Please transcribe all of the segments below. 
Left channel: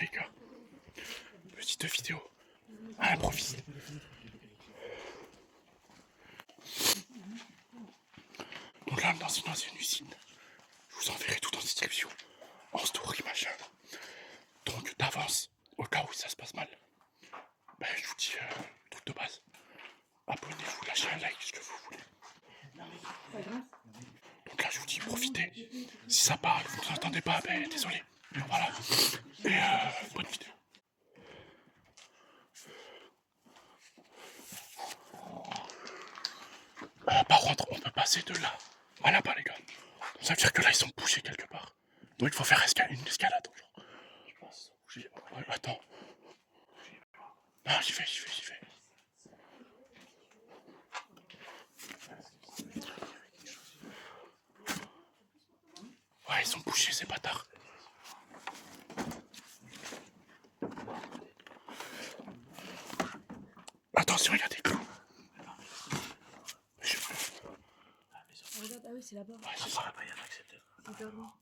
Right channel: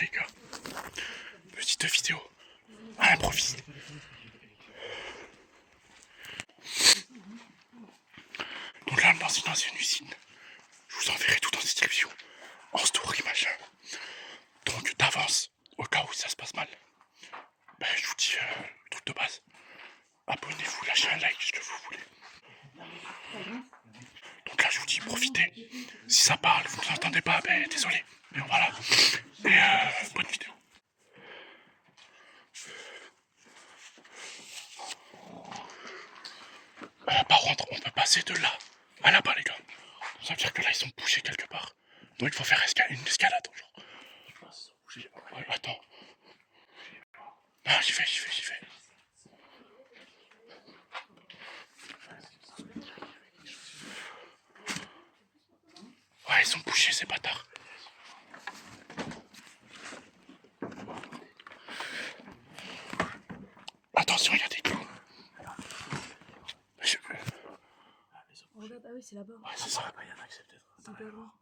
les gars, petite vidéo à l'improviste. Donc là, dans une ancienne usine, je vous enverrai tout en description, en story machin. Donc d'avance, au cas où ça se passe mal, ben, je vous dis le truc de base. Abonnez-vous, lâchez un like, ce que vous voulez. Donc là, je vous dis, profitez. Si ça parle, vous ne l'entendez pas, ben désolé. Mais voilà. Et bonne vidéo. Par contre, on peut passer de là à là-bas, les gars. Ça veut dire que là, ils sont bouchés quelque part. Donc il faut faire une escalade, genre. Ouais, attends. Ah, j'y vais. Ouais, ils sont bouchés, ces bâtards. Attention, il y a des clous. Regarde, ah oui, c'est là-bas. Ouais, c'est ça. Il y a un accepteur.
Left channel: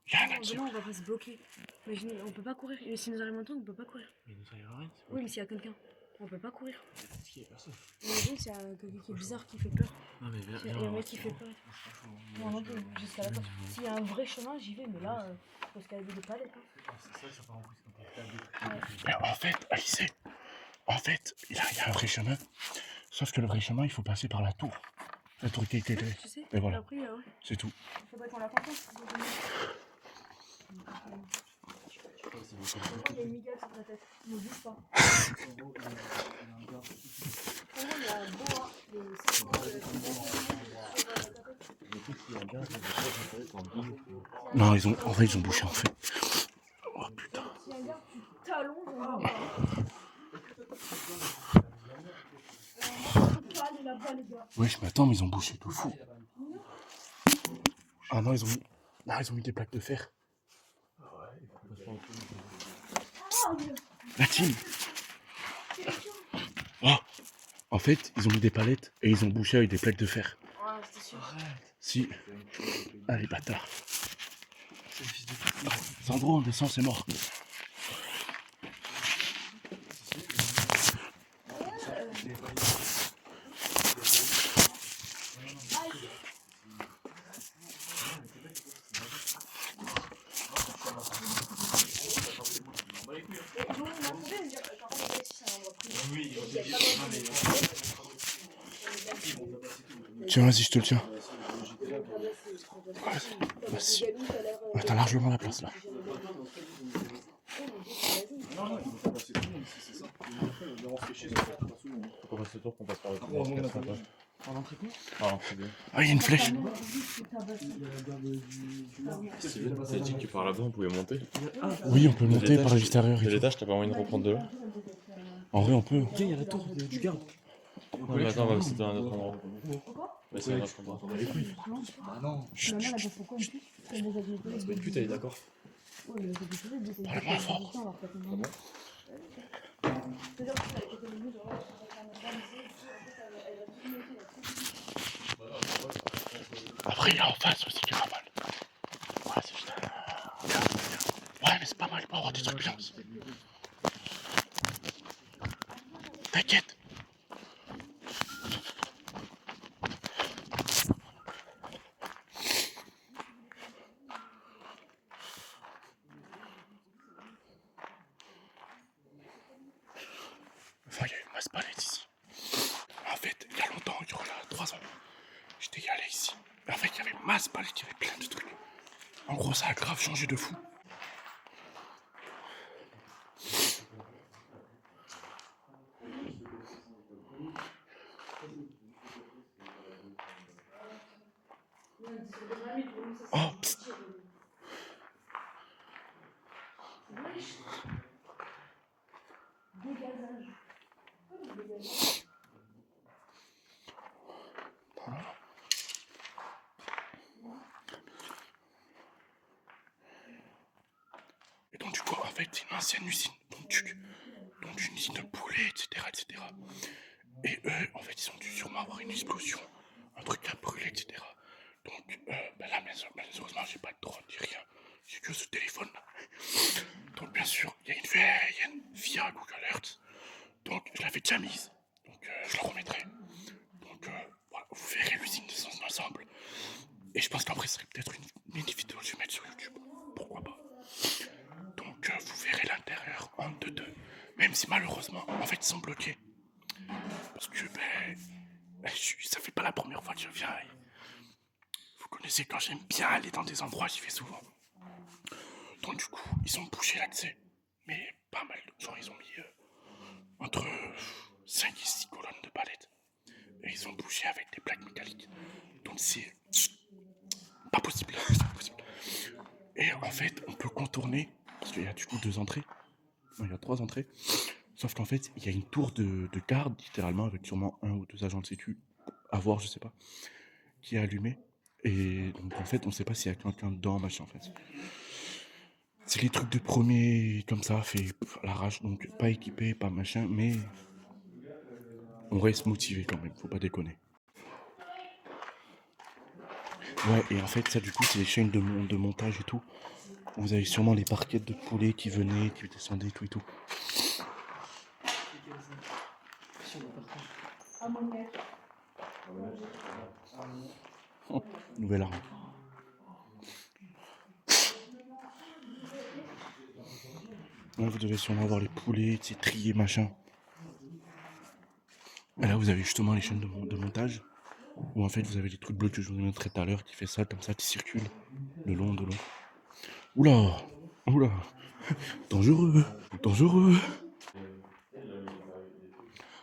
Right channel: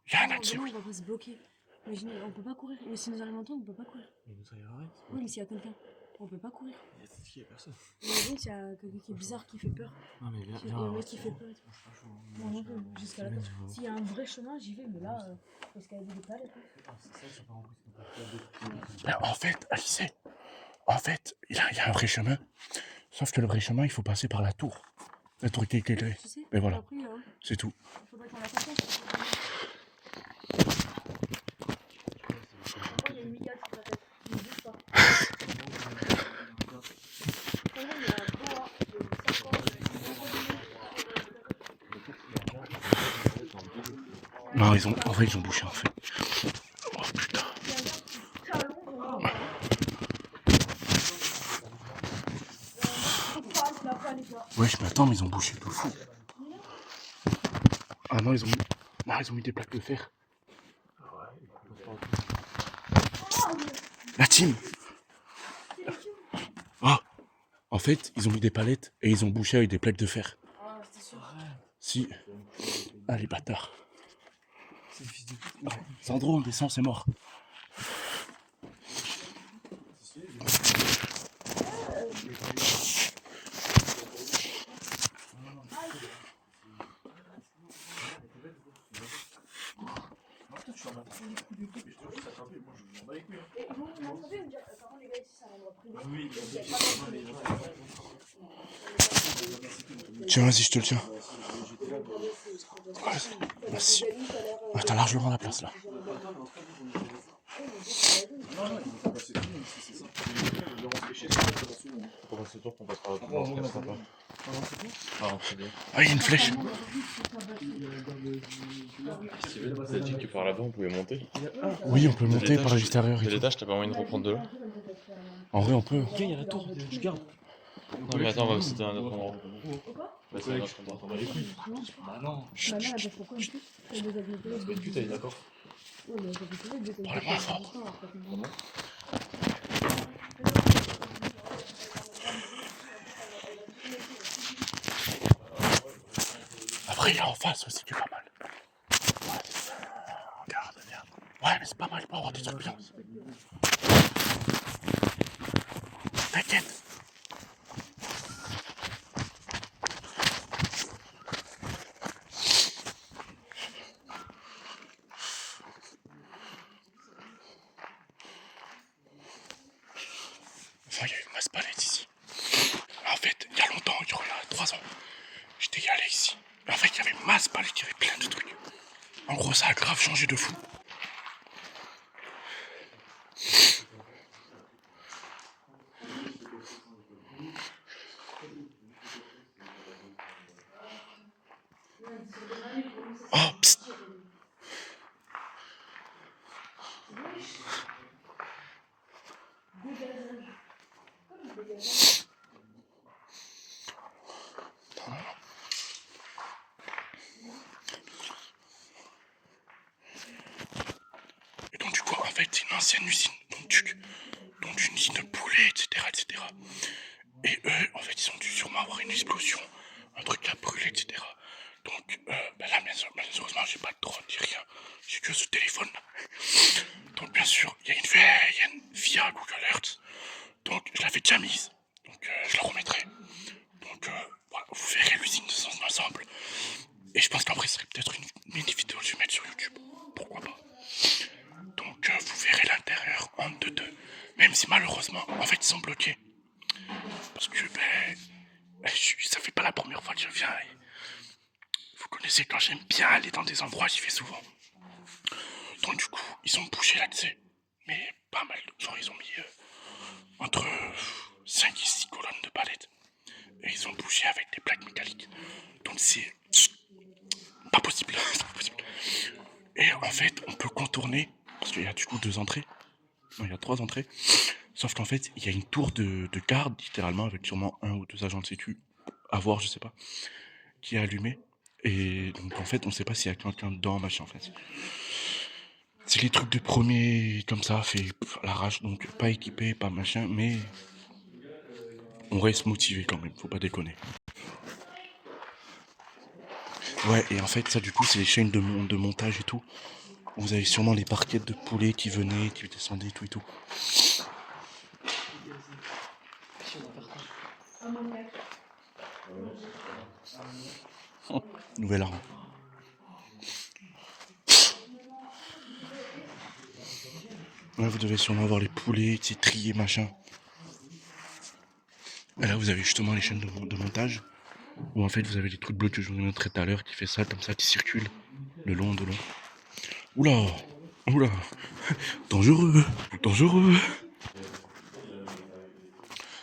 Il y a un accepteur. On va pas se bloquer. Imaginez, on peut pas courir. Et si nous arrive un temps, on peut pas courir. Mais nous arrive rien. Oui, mais s'il y a quelqu'un, on peut pas courir. Il y a personne. Imagine s'il y a quelqu'un qui est bizarre, qui fait peur. Non mais Il y a un mec qui fait peur. Non, non plus, jusqu'à la porte. S'il y a un vrai chemin, j'y vais, mais là, faut escalader des palettes. Mais en fait, Alice, il y a un vrai chemin. Sauf que le vrai chemin, il faut passer par la tour. La tour qui est éclairée. Tu sais, Et voilà, après, c'est tout. faut pas être en attention. Il y a une migale sur ta tête. Ne bouge pas. Non, en vrai, ils ont bouché en fait. Oh putain. Wesh, mais attends, mais ils ont bouché de fou. Ah non, ils ont mis des plaques de fer. La team. Oh, en fait, ils ont mis des palettes et ils ont bouché avec des plaques de fer. Ah, c'était sûr. Si. Ah, les bâtards. Ah, Sandro, on descend, c'est mort. Tiens, vas-y, je te le tiens. Vas-y. Ah, t'as largement la place là. Ah, il y a une flèche. T'as dit que par là-bas on pouvait monter. Oui, on peut monter par l'extérieur. De l'étage, t'as pas moyen de reprendre de là. En vrai, on peut. il y a la tour du garde. Non, mais attends, on va aussi dans un autre endroit. Ouais, c'est un autre endroit. On va les couilles. Bah non. Ma mère, elle bosse pourquoi en plus? Elle bosse avec mes collègues. C'est pas une pute, elle est d'accord. Oui, mais avec mes collègues, elle bosse Parle-moi avec fort. mes collègues, alors que c'est bon. Après, il y a en face aussi qui est pas mal. Ouais, c'est ça. Regarde. Ouais, mais c'est pas mal, il peut avoir des trucs bien aussi. T'inquiète. Enfin, il y a une masse palette ici. En fait, il y a longtemps, il y a 3 ans, j'étais allé ici. En fait, il y avait une masse palette, il y avait plein de trucs. En gros, ça a grave changé de fou. Oh, psst. Et donc du coup, en fait, c'est une ancienne usine, donc une usine de poulets, etc. Et eux, en fait, ils ont dû sûrement avoir une explosion, un truc qui a brûlé, etc. Donc là, malheureusement, j'ai pas de drone, j'ai rien. J'ai que ce téléphone là. Donc bien sûr, il y a une veille, déjà mises, donc je la remettrai. Donc voilà, vous verrez l'usine de son ensemble. Et je pense qu'après, ce serait peut-être une mini vidéo que je vais mettre sur YouTube. Pourquoi pas. Donc vous verrez l'intérieur en 2-2. Même si malheureusement, en fait, ils sont bloqués. Parce que ça fait pas la première fois que je viens. Et vous connaissez, quand j'aime bien aller dans des endroits, j'y vais souvent. Donc du coup, ils ont bougé l'accès. Mais pas mal. Genre, ils ont mis entre 5 et 6 colonnes de palettes. Et ils ont bougé avec des plaques métalliques. Donc c'est pas possible. C'est pas possible. Et en fait, on peut contourner. Parce qu'il y a du coup 2 entrées. Non, il y a 3 entrées. Sauf qu'en fait, il y a une tour de garde, littéralement, avec sûrement 1 ou 2 agents de sécu, à voir, je sais pas, qui est allumée. Et donc, en fait, on sait pas s'il y a quelqu'un dedans, machin, en fait. C'est les trucs de premier, comme ça, fait à l'arrache, donc pas équipé, pas machin, mais on reste motivé quand même, faut pas déconner. Ouais, et en fait, ça, du coup, c'est les chaînes de montage et tout. Vous avez sûrement les parquettes de poulet qui venaient, qui descendaient, tout et tout. Nouvelle arme. Ouais, vous devez sûrement avoir les poulets, triés, machin. Et là, vous avez justement les chaînes de montage. Où en fait, vous avez les trucs bleus que je vous ai montré tout à l'heure, qui fait ça, comme ça, qui circulent de long. Oula, oula, dangereux, dangereux.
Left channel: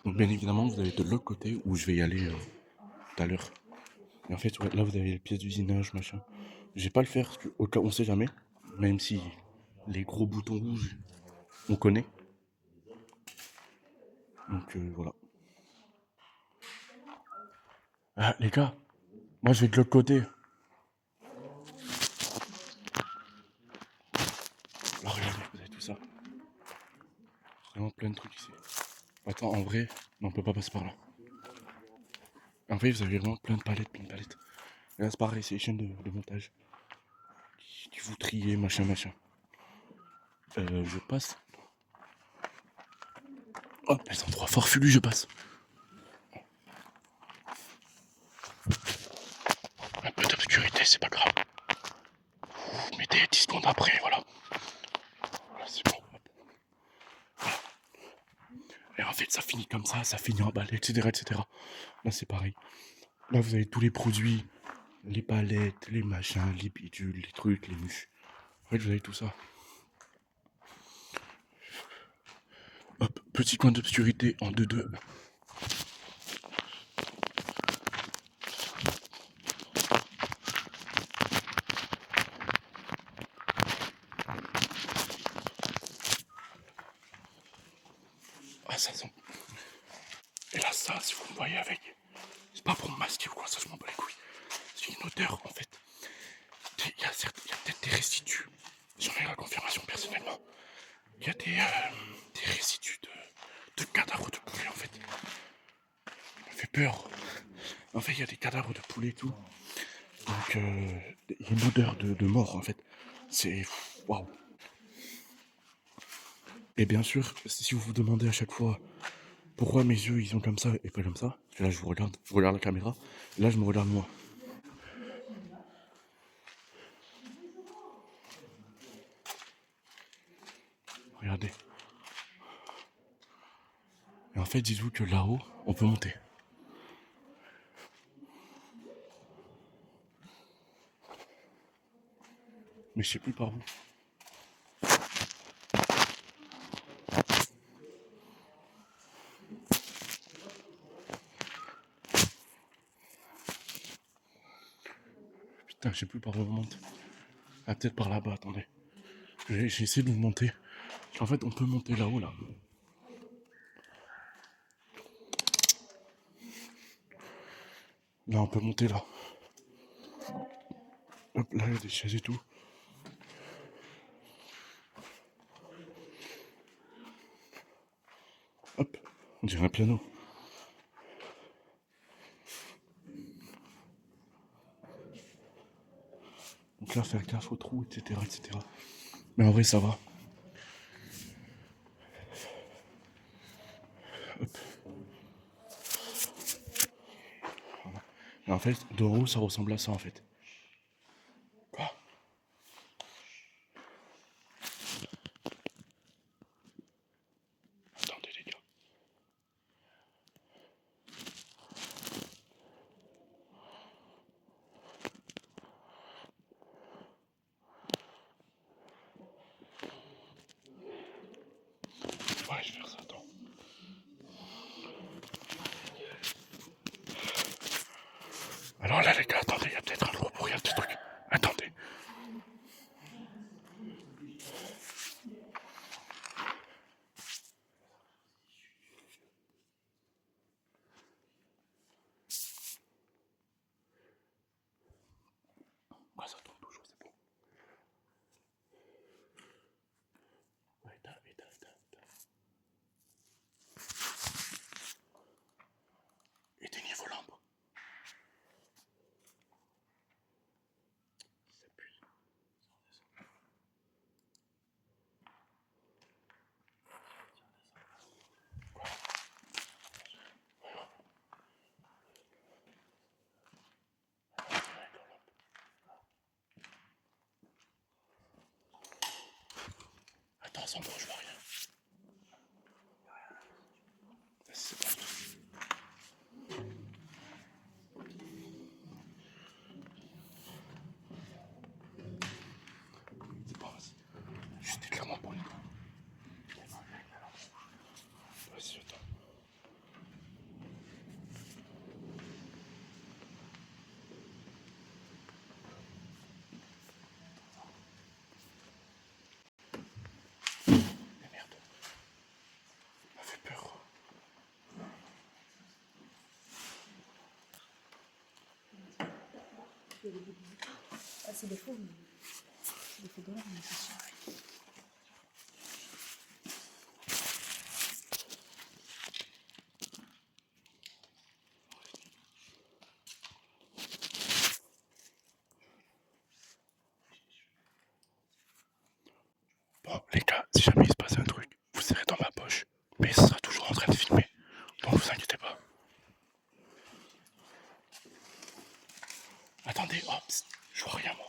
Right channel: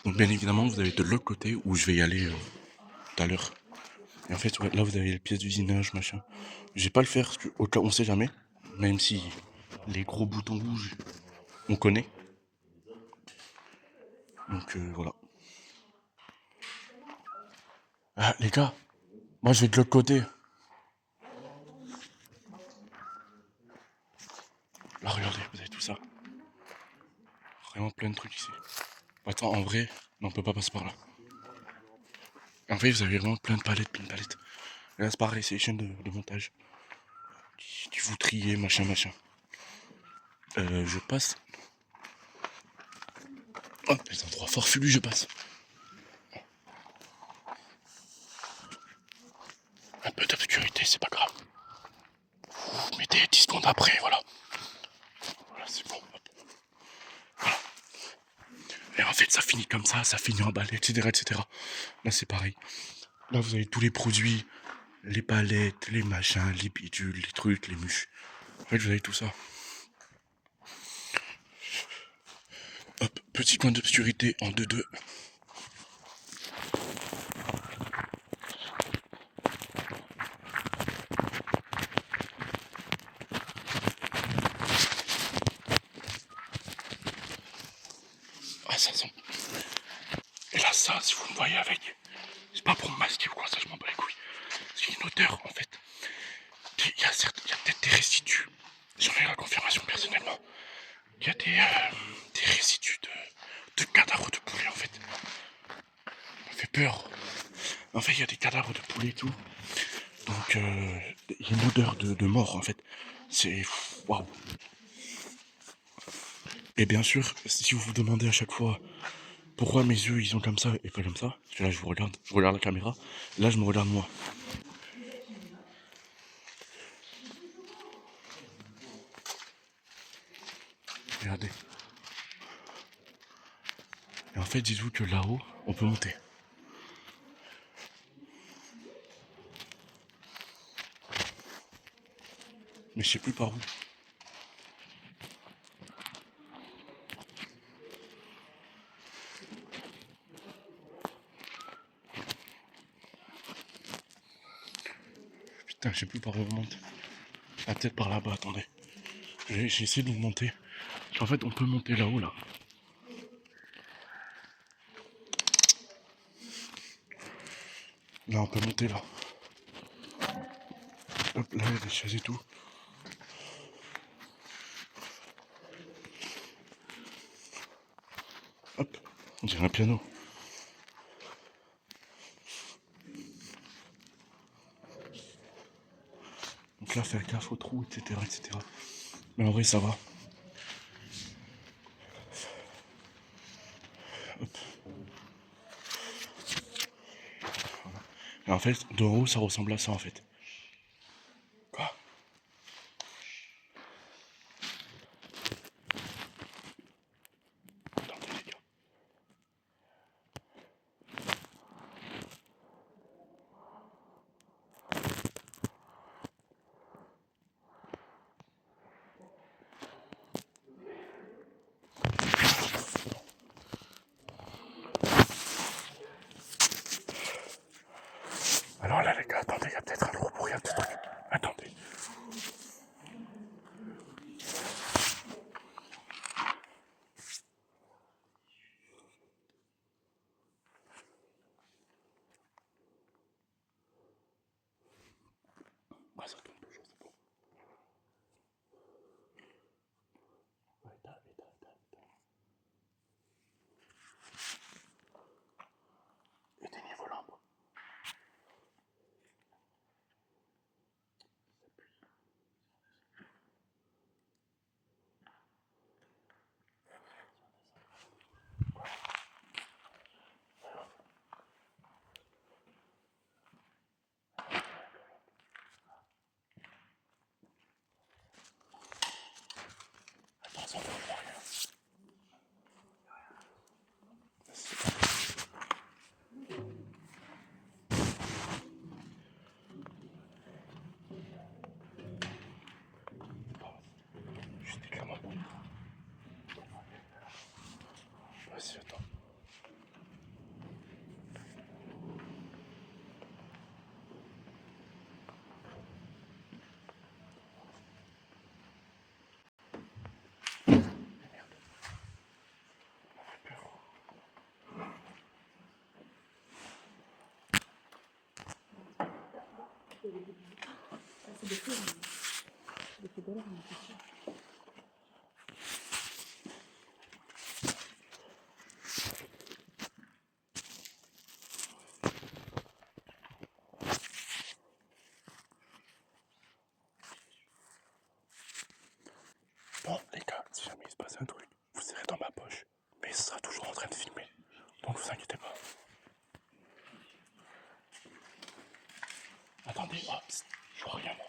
Donc bien évidemment, vous avez de l'autre côté où je vais y aller tout à l'heure. Et en fait, ouais, là, vous avez les pièces d'usinage, machin. Je vais pas le faire, parce que, au cas on sait jamais. Même si les gros boutons rouges, on connaît. Donc voilà. Ah, les gars, moi je vais de l'autre côté. Là, regardez, vous avez tout ça. Vraiment plein de trucs ici. Attends, en vrai, non, on peut pas passer par là. En fait, vous avez vraiment plein de palettes, plein de palettes. Et là, c'est pareil, c'est les chaînes de montage. Qui vous triez, machin, machin. Je passe. Oh, les endroits forflus, je passe. Un peu d'obscurité, c'est pas grave. Vous mettez 10 secondes après, voilà. Voilà, c'est bon. Hop. Voilà. Et en fait, ça finit comme ça finit en balle, etc., etc. Là, c'est pareil. Là, vous avez tous les produits, les palettes, les machins, les bidules, les trucs, les mûches. En fait, vous avez tout ça. Hop, petit coin d'obscurité en 2-2. Ah, ça sent. Et là, ça, si vous me voyez avec, c'est pas pour me masquer ou quoi, ça, je m'en bats les couilles. C'est une odeur, en fait. Il y a peut-être des résidus. J'en ai la confirmation personnellement. Il y a des résidus de cadavres de poulet, en fait. Ça me fait peur. En fait, il y a des cadavres de poulet et tout. Donc, il y a une odeur de mort, en fait. C'est... Waouh. Et bien sûr, si vous vous demandez à chaque fois pourquoi mes yeux ils sont comme ça et pas comme ça, parce que là je regarde la caméra, et là je me regarde moi. Regardez. Et en fait, dites-vous que là-haut, on peut monter. Mais je sais plus par où. Putain, je sais plus par où on monte. Ah, peut-être par là-bas, attendez. J'ai essayé de monter. En fait, on peut monter là-haut, là. Là, on peut monter là. Hop, là, il y a des chaises et tout. Hop, on dirait un piano. Donc là, faire gaffe aux trous, etc., etc. Mais en vrai, ça va. Hop. Et en fait, de haut, ça ressemble à ça en fait. Quoi? Attendez les gars. Alors là les gars, attendez, il y a peut-être un gros bruit, un petit truc. Attendez. Ah, ça tourne toujours, c'est bon. Ouais, éteins. Éteignez vos lampes. Ça pue. Attention, je vois rien. C'est bon. C'est pas juste clairement pour les gars. Vas-y, attends. Merde. Ça m'a fait peur. Ah, c'est des feux. C'est des feux d'or, mais c'est sûr. Bon, les gars, si jamais il se passe un truc, vous serez dans ma poche. Mais ça sera toujours en train de filmer. Donc vous inquiétez pas. Attendez, hop, je vois rien moi.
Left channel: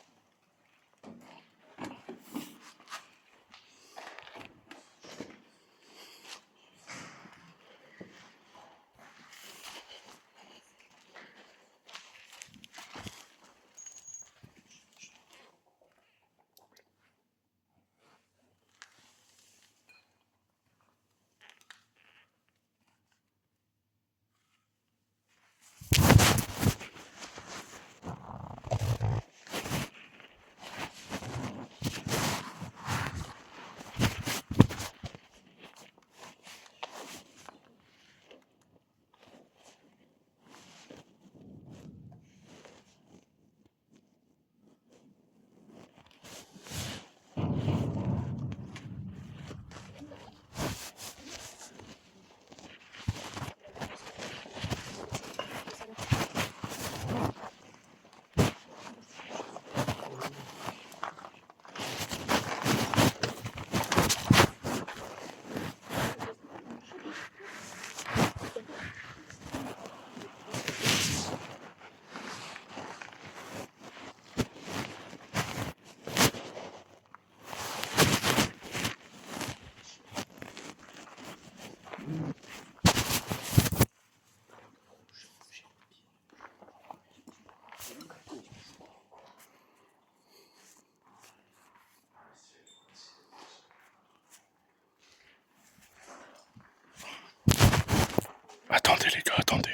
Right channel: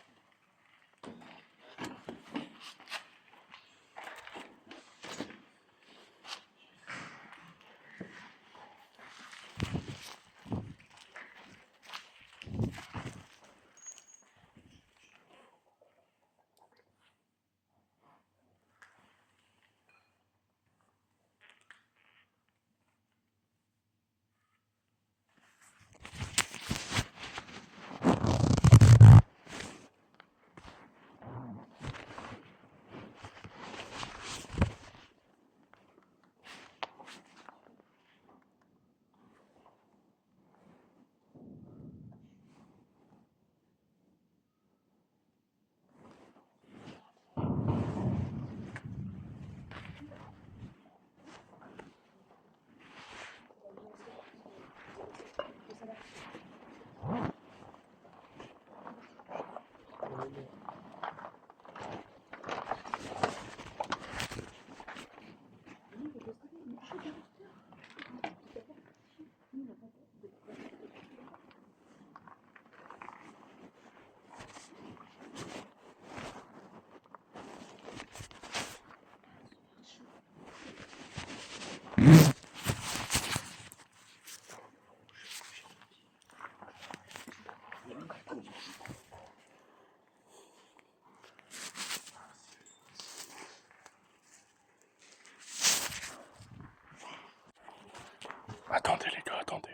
Attendez les gars, attendez.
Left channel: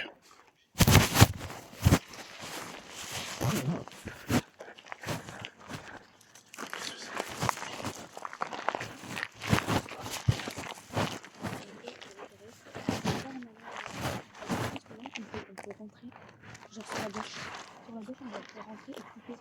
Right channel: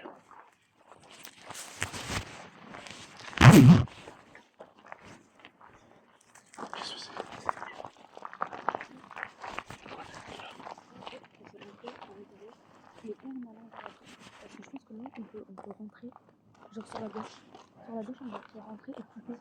On peut rentrer, genre sur la gauche. Sur la gauche, on va rentrer et couper.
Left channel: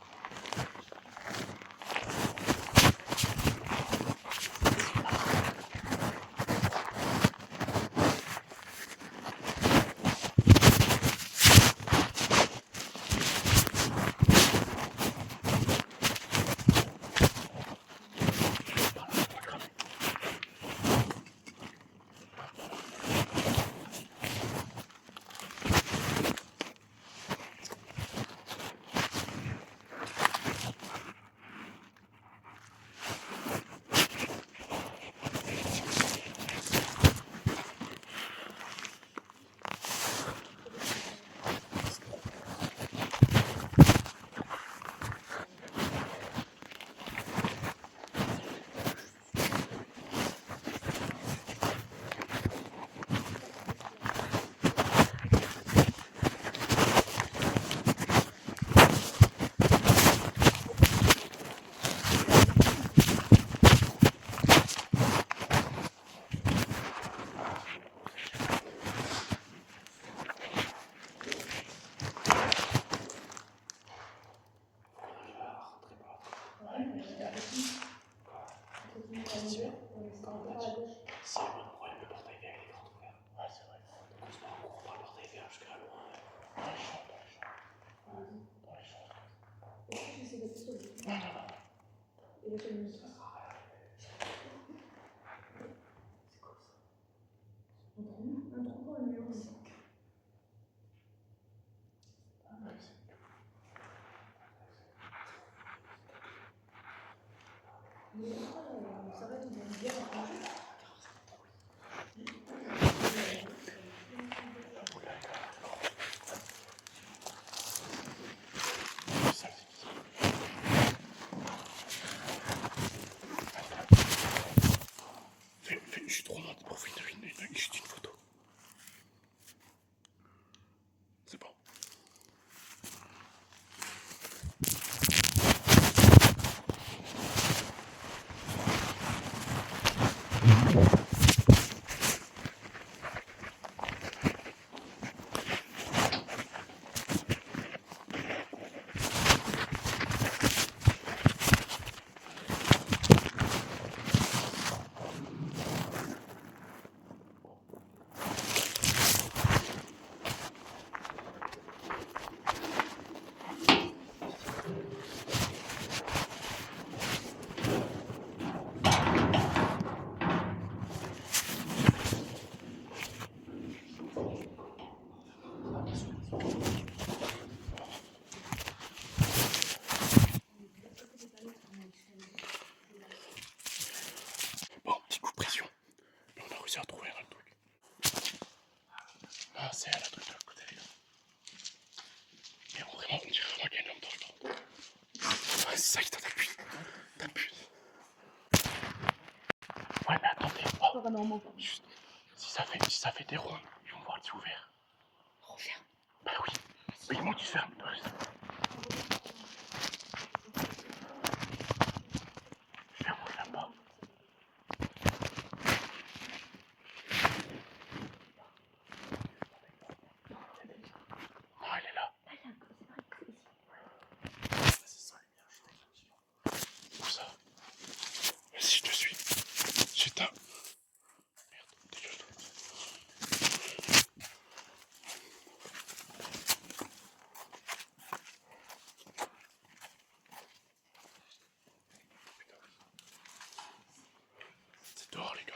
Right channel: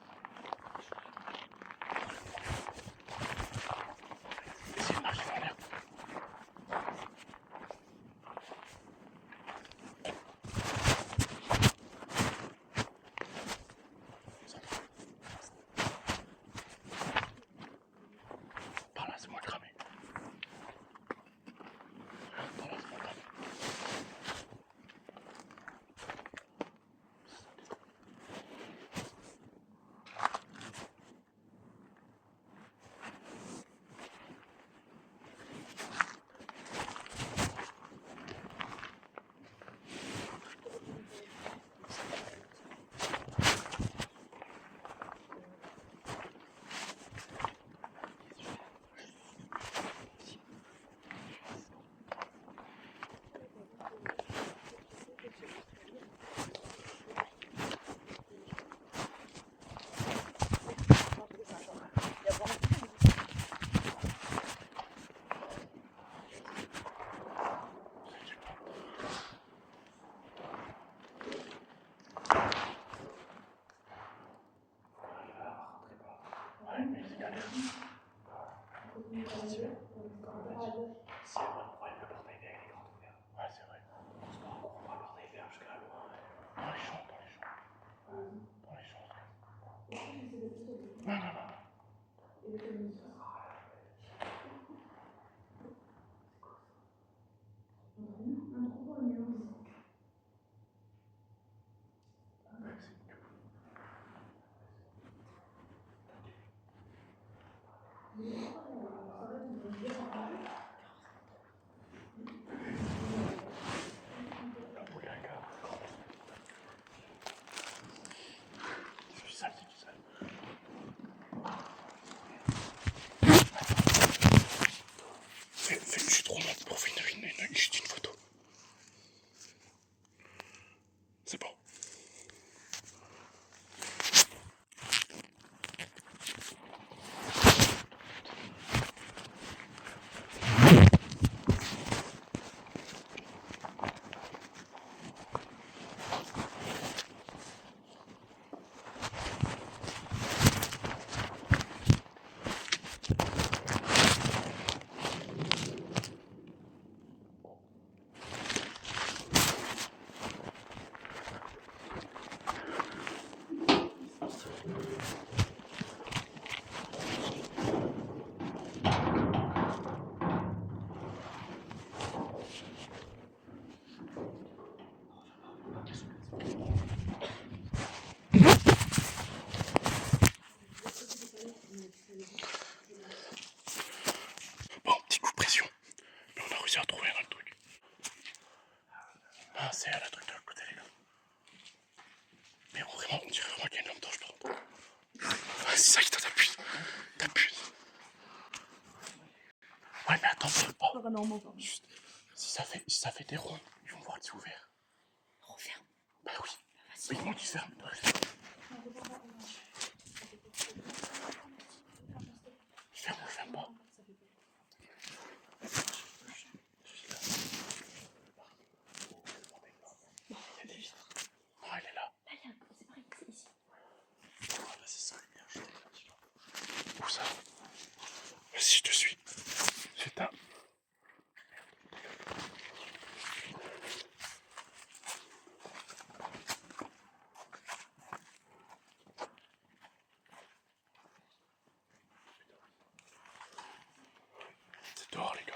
C'est pas de problème, le portail vert il est grand ouvert. Ouais, c'est vrai. Donc on se met en cours, on prend le portail vert jusqu'à loin. Dans les chambres, dans les chambres. Non, non, non. C'est ça, c'est ça. Fais une chute romande pour faire juste une photo. C'est bon. Bon, petit coup de pression. Mais on a réussi à trouver un truc. Ah, c'est à la truc de l'autre côté, les gars. Mais vraiment, on dirait vraiment qu'il y a une lampe dans le temps. Ah, c'est ça qui t'appuie. T'appuies. Ouais, mais attends, Chut. Si ça fait des ronds, ils vont voir que c'est ouvert. Referme. Bah oui. Ils m'ont dit ferme. Ferme ou ferme pas. Non, elle est là. Où ça? Vas-y, je te suis. J'éteins. C'est dehors, les gars.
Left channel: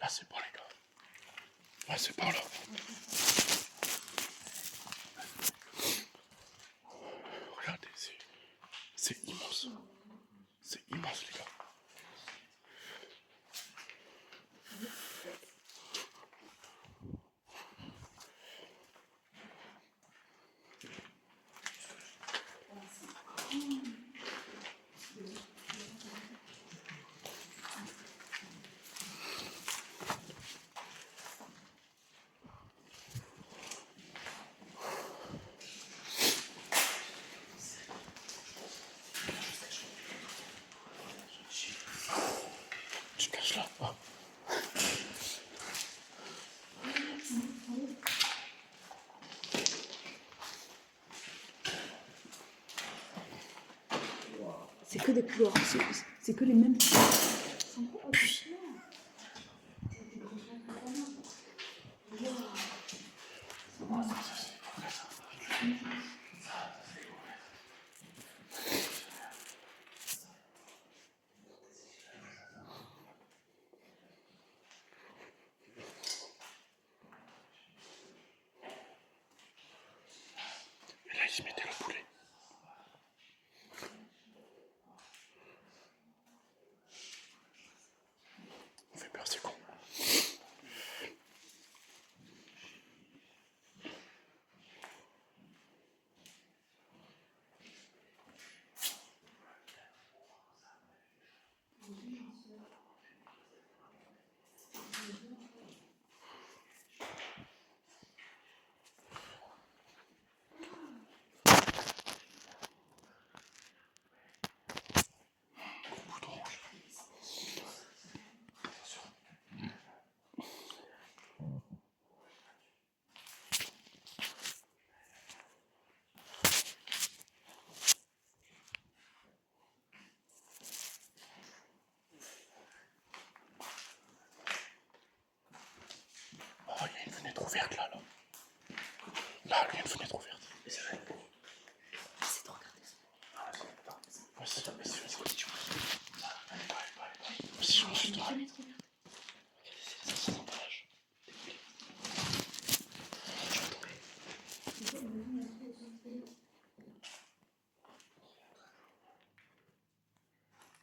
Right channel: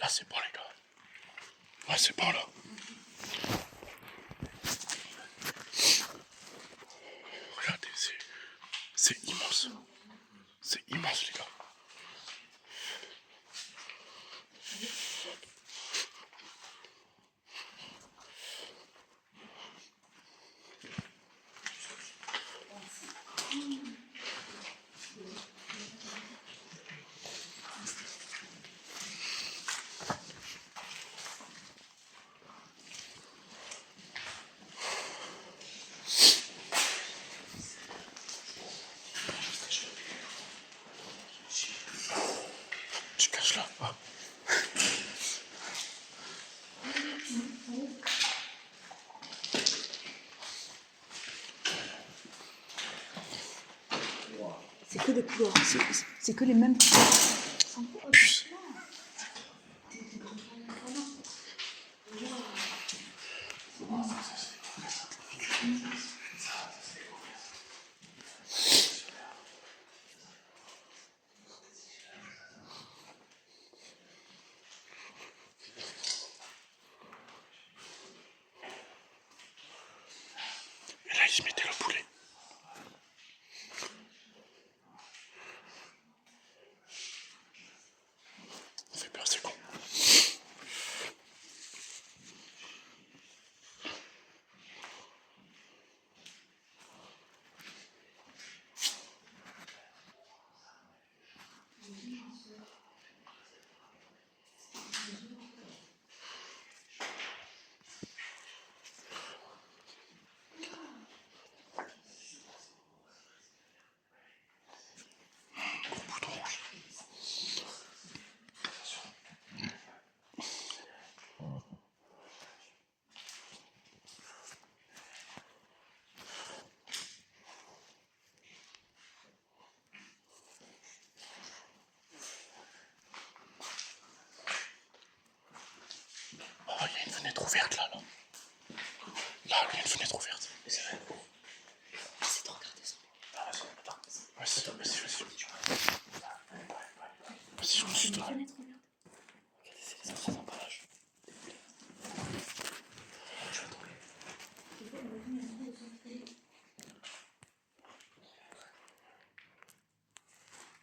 Là, c'est bon, les gars. Ouais, c'est bon, là. Regardez, c'est immense. C'est immense, les gars. Tu caches là. Ah. C'est que des couloirs. C'est que les mêmes. Et là, ils se mettaient le poulet. ouverte là. Là, il y a une fenêtre ouverte. C'est vrai. C'est trop regardé ça. Attends. Vas-y. Vas-y, j'en suis là. Regardez, c'est les anciens emballages.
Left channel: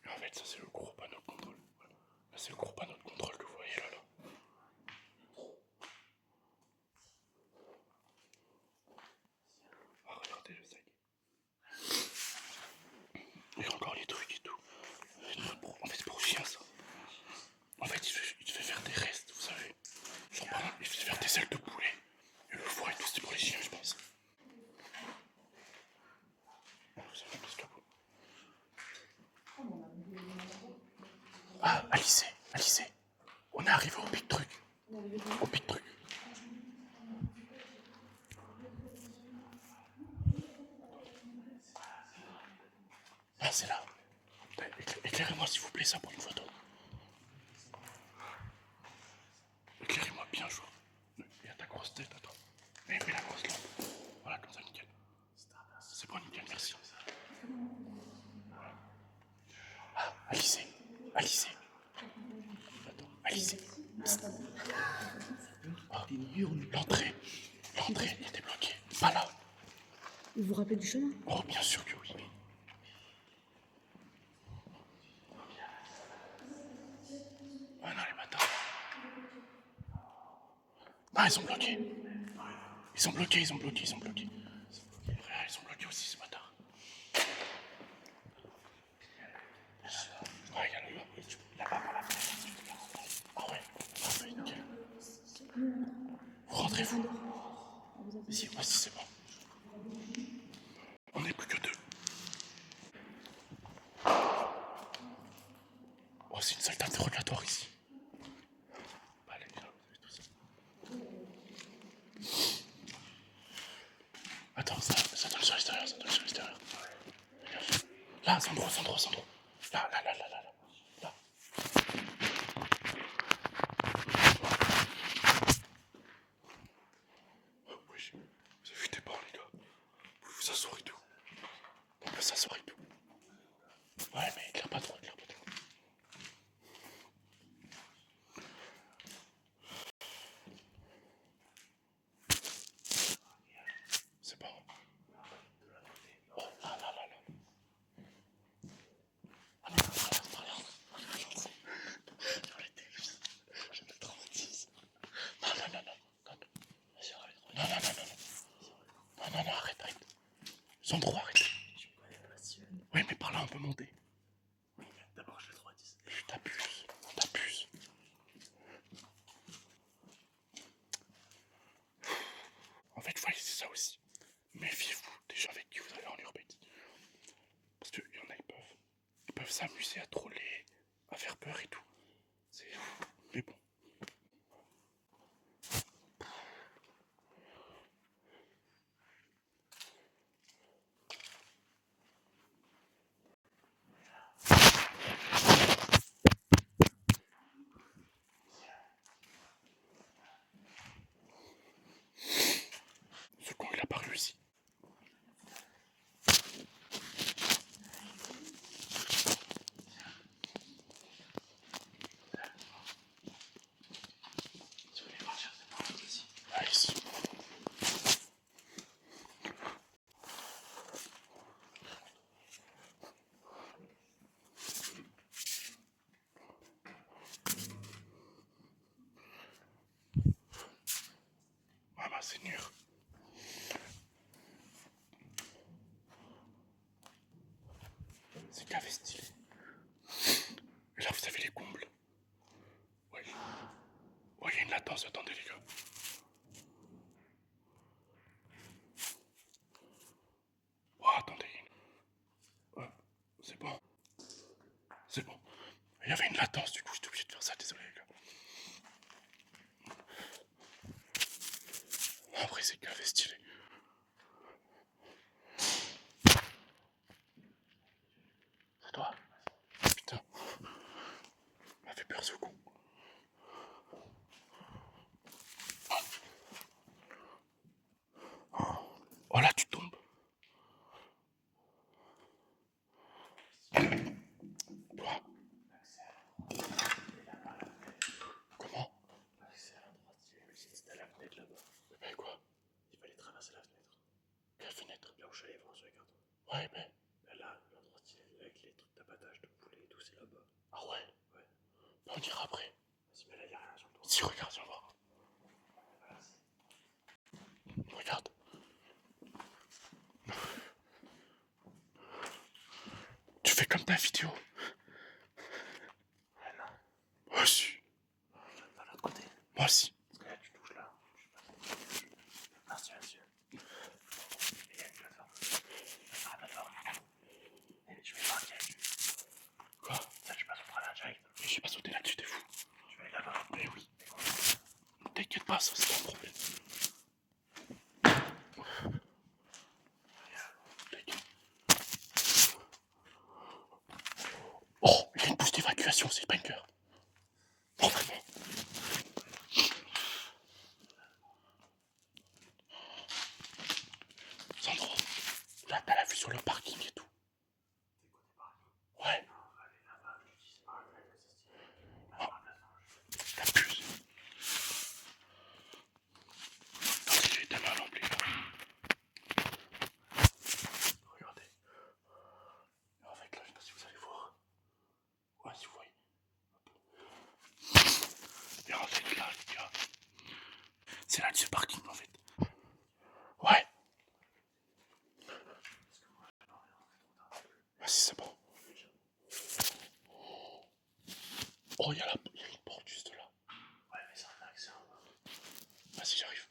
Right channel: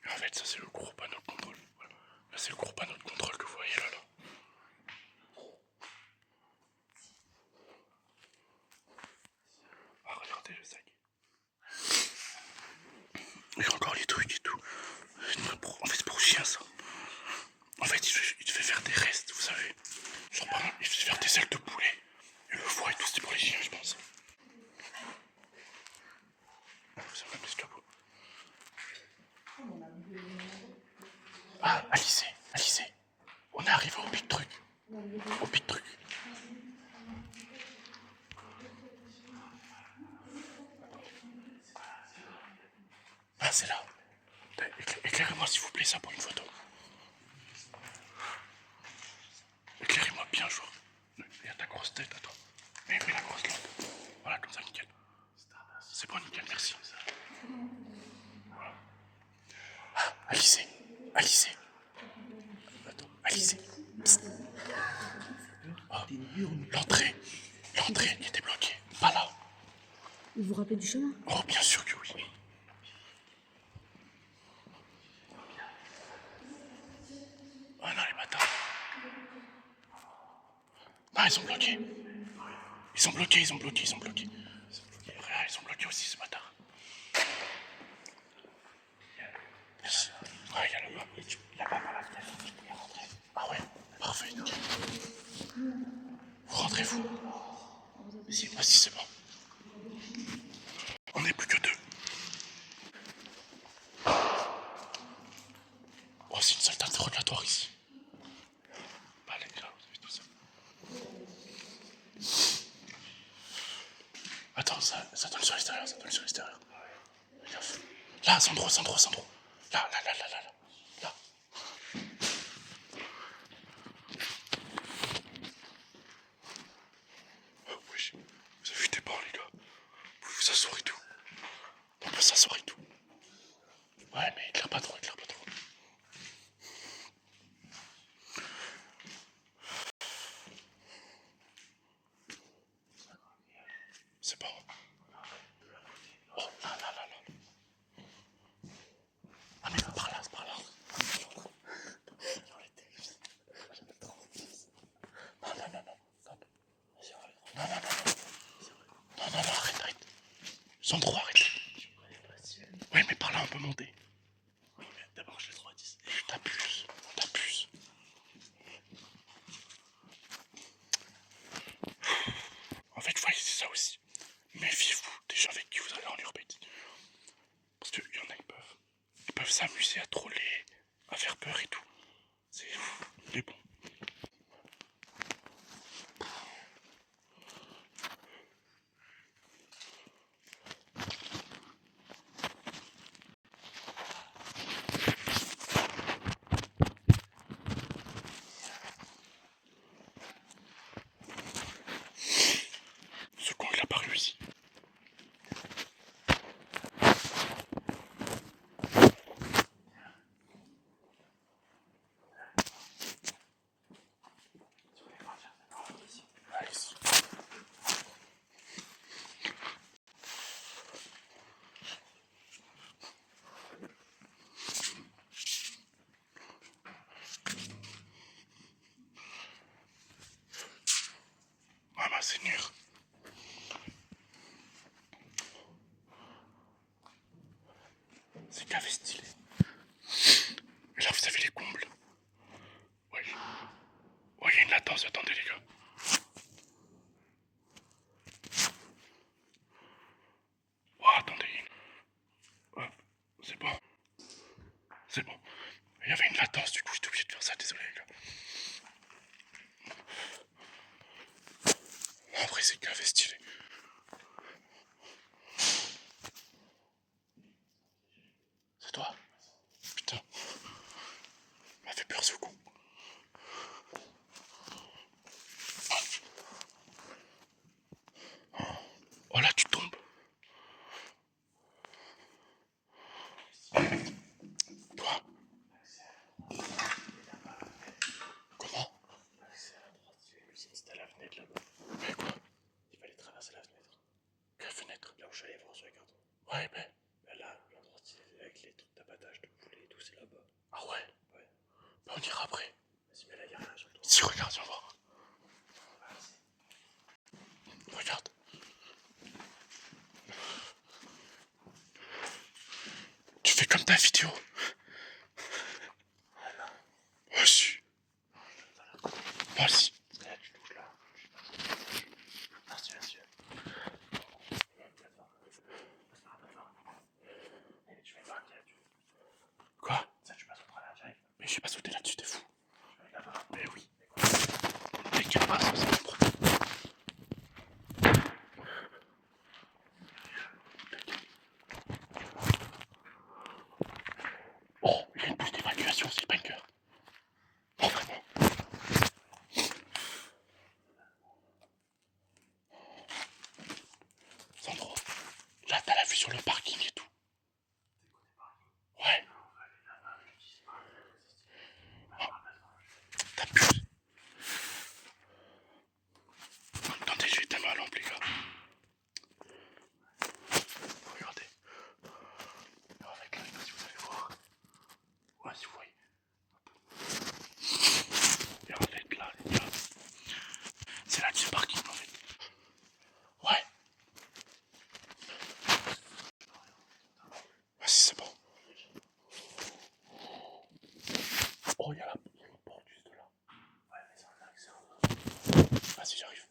En fait, ça c'est le gros panneau de contrôle. Voilà. Là, c'est le gros panneau de contrôle que vous voyez là. Ah, regardez le sac. Et encore les trucs et tout. En fait, c'est pour chien ça. En fait, il devait faire des restes, vous savez. Genre, par exemple, il devait faire des ailes de poulet. Et le foie et tout, c'était pour les chiens, je pense. Ça va, l'escabeau. Ah, Alice. On est arrivé au big truc. Ah, c'est là. Éclairez-moi s'il vous plaît ça pour une photo. Éclairez-moi bien, joueur. Il y a ta grosse tête à toi. Mets la grosse lampe. Voilà, comme ça, nickel. C'est bon, nickel, merci. Voilà. Ah, Alice. Attends, Alice. Ah, l'entrée était bloquée. Pas là. Vous vous rappelez du chemin? Oh, bien sûr que oui. Ah non, les bâtards. Non, ils sont bloqués. Ils ont bloqué. Frère, ils sont bloqués aussi, ce bâtard. Ouais, il y a le bas. Là-bas, par la fenêtre. Ah ouais, parfait, nickel. Vous rentrez-vous. Si, voici, c'est bon. On n'est plus que deux. Oh, c'est une salle d'interrogatoire ici. Bah, allez, là, vous avez tout ça. Attends, ça donne sur l'extérieur, Regarde. Là, Sandro. Là. Là. Oh, wesh. Vous avez vu tes bords, les gars. Vous pouvez vous asseoir et tout. On peut s'asseoir et tout. Ouais, mais éclaire pas trop. C'est bon. Oh, là. Ah, mais par là. Je me traumatise. Non. Non, arrête. Sandro, arrête. Oui, mais par là, on peut monter. D'abord, je le traumatise. T'abuses. En fait, voyez, c'est ça aussi. Méfiez-vous des gens avec qui vous allez en urbex. Parce qu'il y en a, ils peuvent s'amuser à troller, à faire peur et tout. C'est fou. Mais bon. Ce con, il a pas réussi. Ah, ici. Ah bah, c'est dur. C'est café stylé. Et là, vous avez les combles. Ouais, il y a une latence, attendez les gars. Oh, attendez. Hop, c'est bon. Il y avait une latence, du coup, j'étais obligé de faire ça, désolé les gars. Après, c'est café stylé. C'est toi? Putain. M'a fait peur ce coup. Oh là, tu tombes. Toi. Comment? C'est à la droite, l'usine c'était à la fenêtre là-bas. Mais quoi? Il fallait traverser la fenêtre. Quelle fenêtre? Là où je suis allé voir sur les cartons. Ouais, mais. Là, la droite, avec les trucs d'abattage de poulet et tout, c'est là-bas. Ah ouais? Ouais. Bah, on ira après. Vas-y, mais là, y'a rien sur le toit. Si, regarde, viens voir. Regarde. Tu fais comme ta vidéo. Vas-y. Vas-y. Là, tu touches là. Ah, c'est monsieur. Il y a une plateforme. Ah, la plateforme. Et je vais marquer. Quoi? Ça, tu passes au travers direct. Mais j'ai pas sauté là-dessus, t'es fou. Tu vas aller là-bas. Mais oui. T'inquiète pas, ça va se prendre. Oh, il y a une pousse d'évacuation, c'est le bunker. Oh, vraiment. Sandro, là, t'as la vue sur le parking et tout. Ouais. Oh, t'abuses. Attendez, je vais ta main à l'emblée, là. Regardez. Avec là, si vous allez voir. Ouais, si vous voyez. Regardez, là. C'est là-dessus le parking, en fait. Ouais. Vas-y, c'est bon. Oh, il y a une porte juste là. Ouais, mais c'est un accès en bas. Vas-y, j'arrive.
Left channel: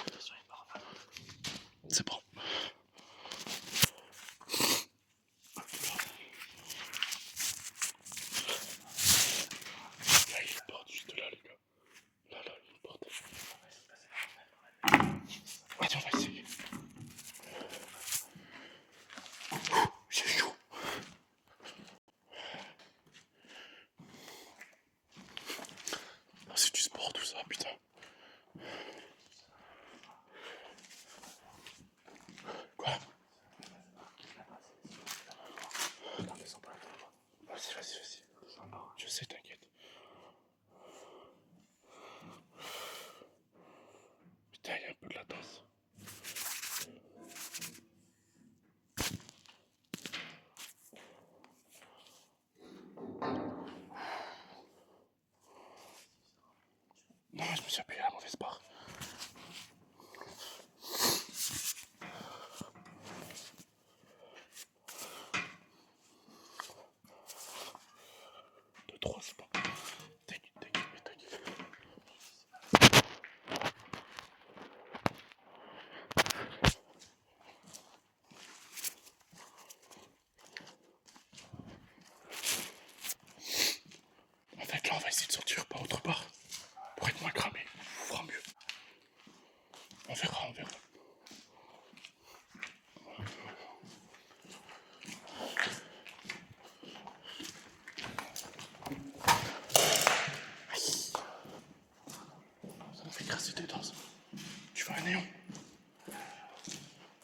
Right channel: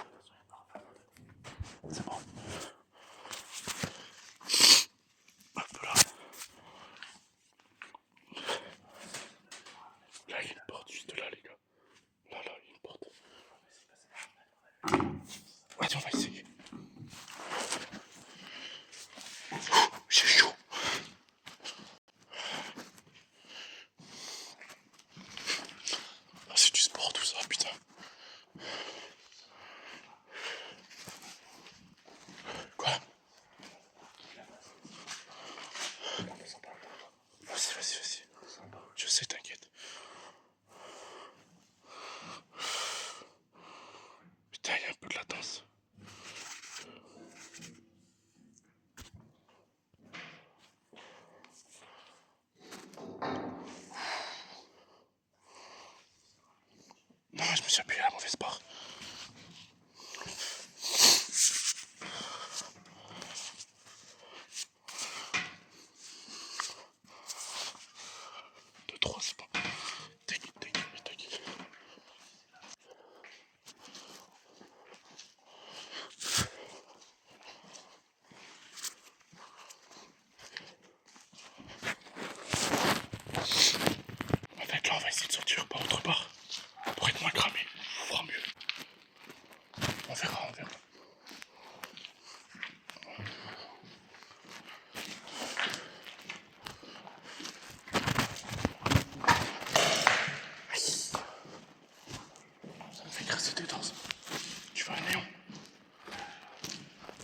Attention, il y a une barre là. C'est bon. Hop là. Il y a une porte juste là, les gars. Là, il y a une porte. Vas-y, on va essayer. J'ai chaud. Ah, c'est du sport tout ça, putain. Quoi? Vas-y. Je sais, t'inquiète. Putain, il y a un peu de latence. Non, je me suis appuyé à la mauvaise barre. De 3, c'est bon. T'inquiète. En fait, là, on va essayer de sortir par autre part. Pour être moins cramé. Faut voir mieux. On verra. Ça me fait crasser tes dents. Tu vas aller?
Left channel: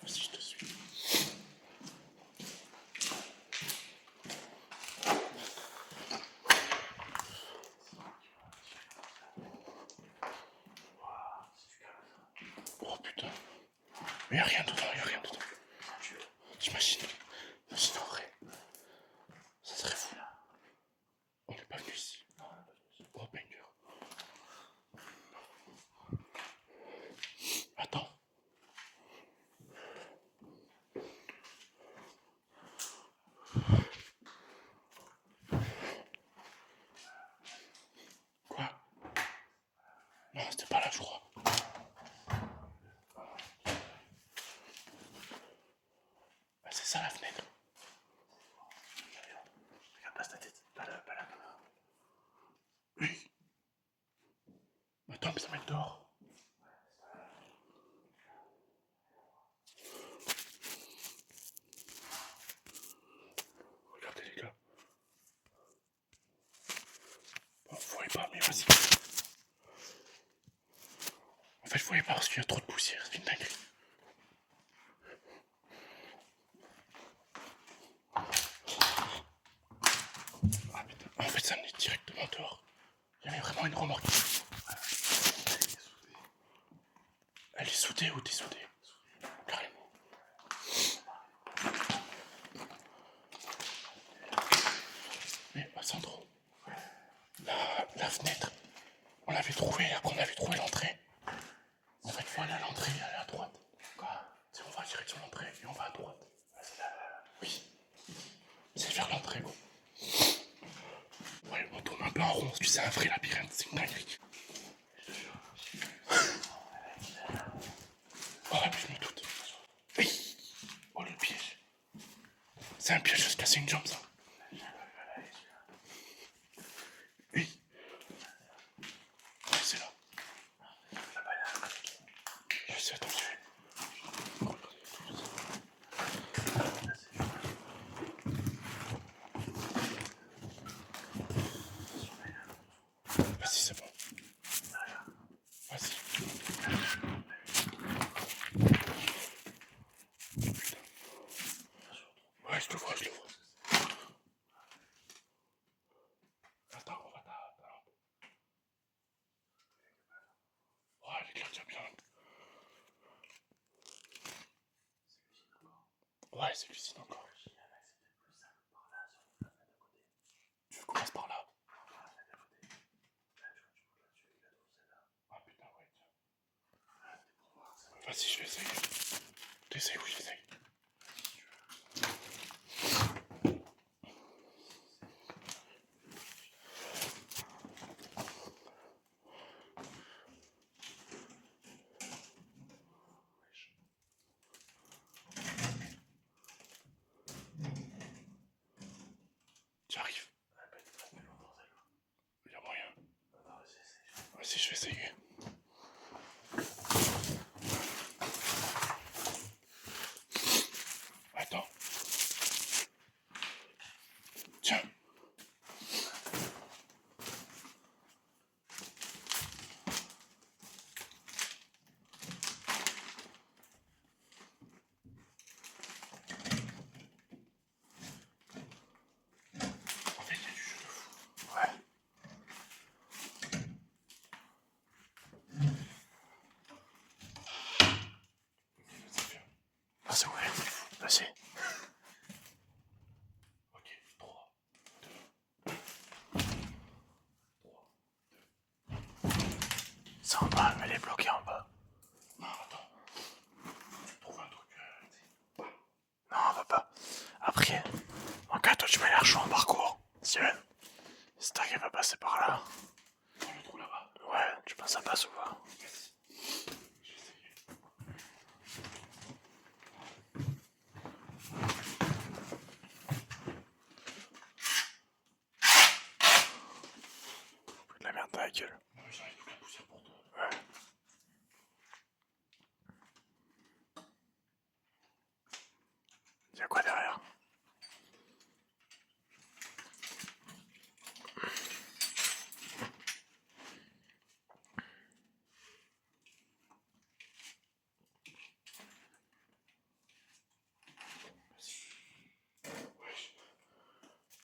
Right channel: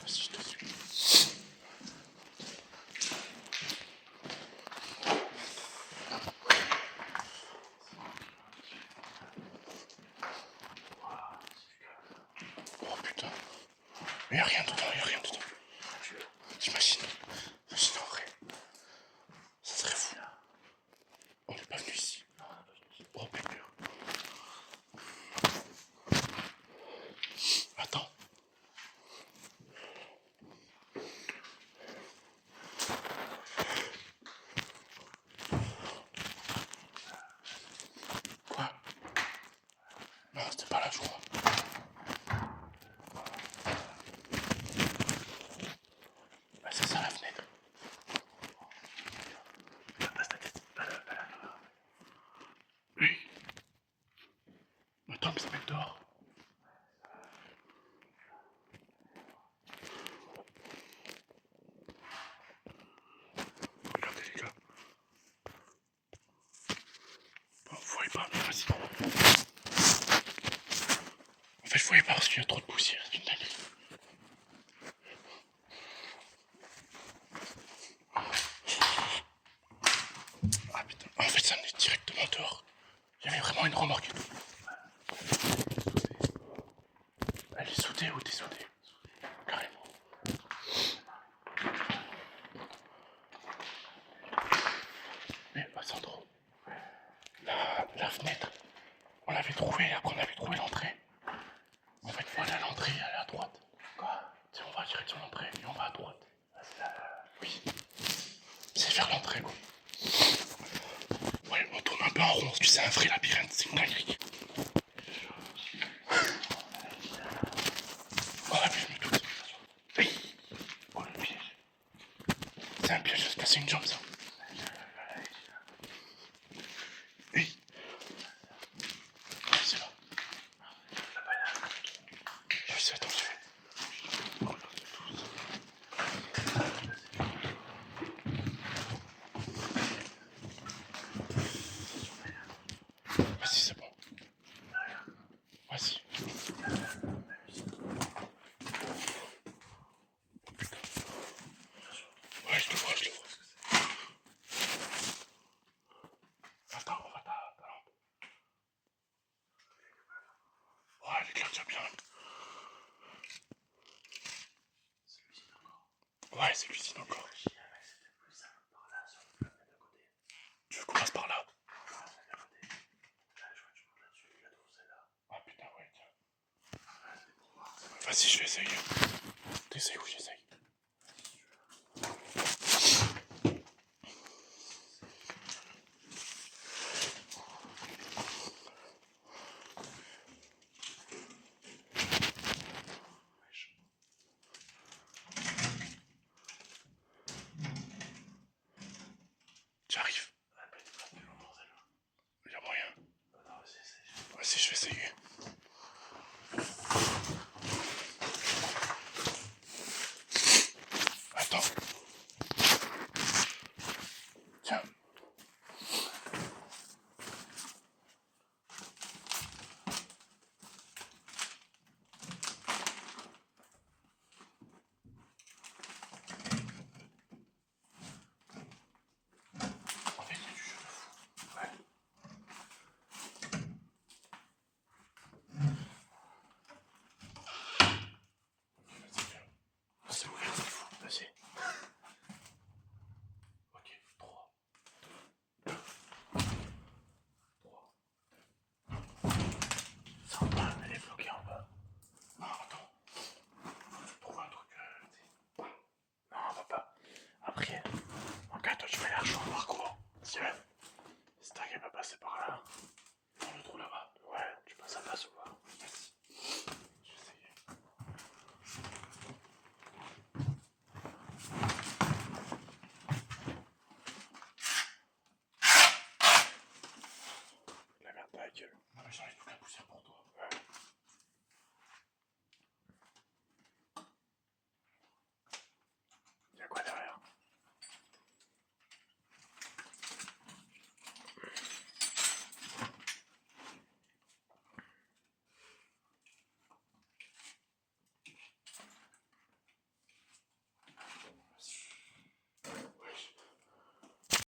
Vas-y, je te suis. Oh putain. Mais y'a rien dedans. T'imagines en vrai. Ça serait fou. On n'est pas venu ici. Oh banger. Attends. Quoi? Non, c'était pas la joie. Bah, c'est ça la fenêtre. Passe ta tête. Pas là. Oui. Attends, mais ça met dehors. Regardez les gars. Bon, vous voyez pas, mais vas-y. fait, je voyais pas parce qu'il y a trop de poussière, c'est une dinguerie. Ah putain, en fait, ça venait directement dehors. Il y avait vraiment une remorque. Elle est soudée ou dessoudée? Carrément. Mais Sandro, la fenêtre, on l'avait trouvée, après on avait trouvé l'entrée. En fait, voilà l'entrée, elle est à droite. Quoi? Tu sais, on va direct sur l'entrée et on va à droite. Oui. C'est vers l'entrée, quoi. Ouais, on tourne un peu en rond. Tu sais, un vrai labyrinthe, c'est une dinguerie. Oh, mais je me doute. Oui. Oh, le piège. C'est un piège de se casser une jambe, ça. Oui. Ouais, c'est là. Je sais, attends. Vas-y, c'est bon. Vas-y. Putain. Ouais, je te vois, je te vois. Attends, on va ta lampe. Ouais, elle éclaire déjà bien. Ouais, c'est l'usine encore. Tu veux qu'on passe par là? Ah putain, ouais, tiens. Vas-y, je vais essayer. T'essayes, oui, j'essaye. Tu arrives? Il y a moyen. Vas-y, je vais essayer. Attends. Tiens. En fait, il y a du jeu de fou. Ouais. Vas-y, viens. Ah, c'est ouvert, c'est fou. Vas-y. Ok, 3, 2, 3. C'est en bas, elle est bloquée en bas. Non, attends. Trouve un truc. Non, on va pas. Après, en cas, toi, tu vas aller rejoindre en parcours. Si tu veux. Si t'arrives à passer par là. Dans le trou là-bas. Ouais, tu penses à pas souvent. Vas-y. Je vais essayer. De la merde dans la gueule. Non, mais j'arrive toute la poussière pour toi.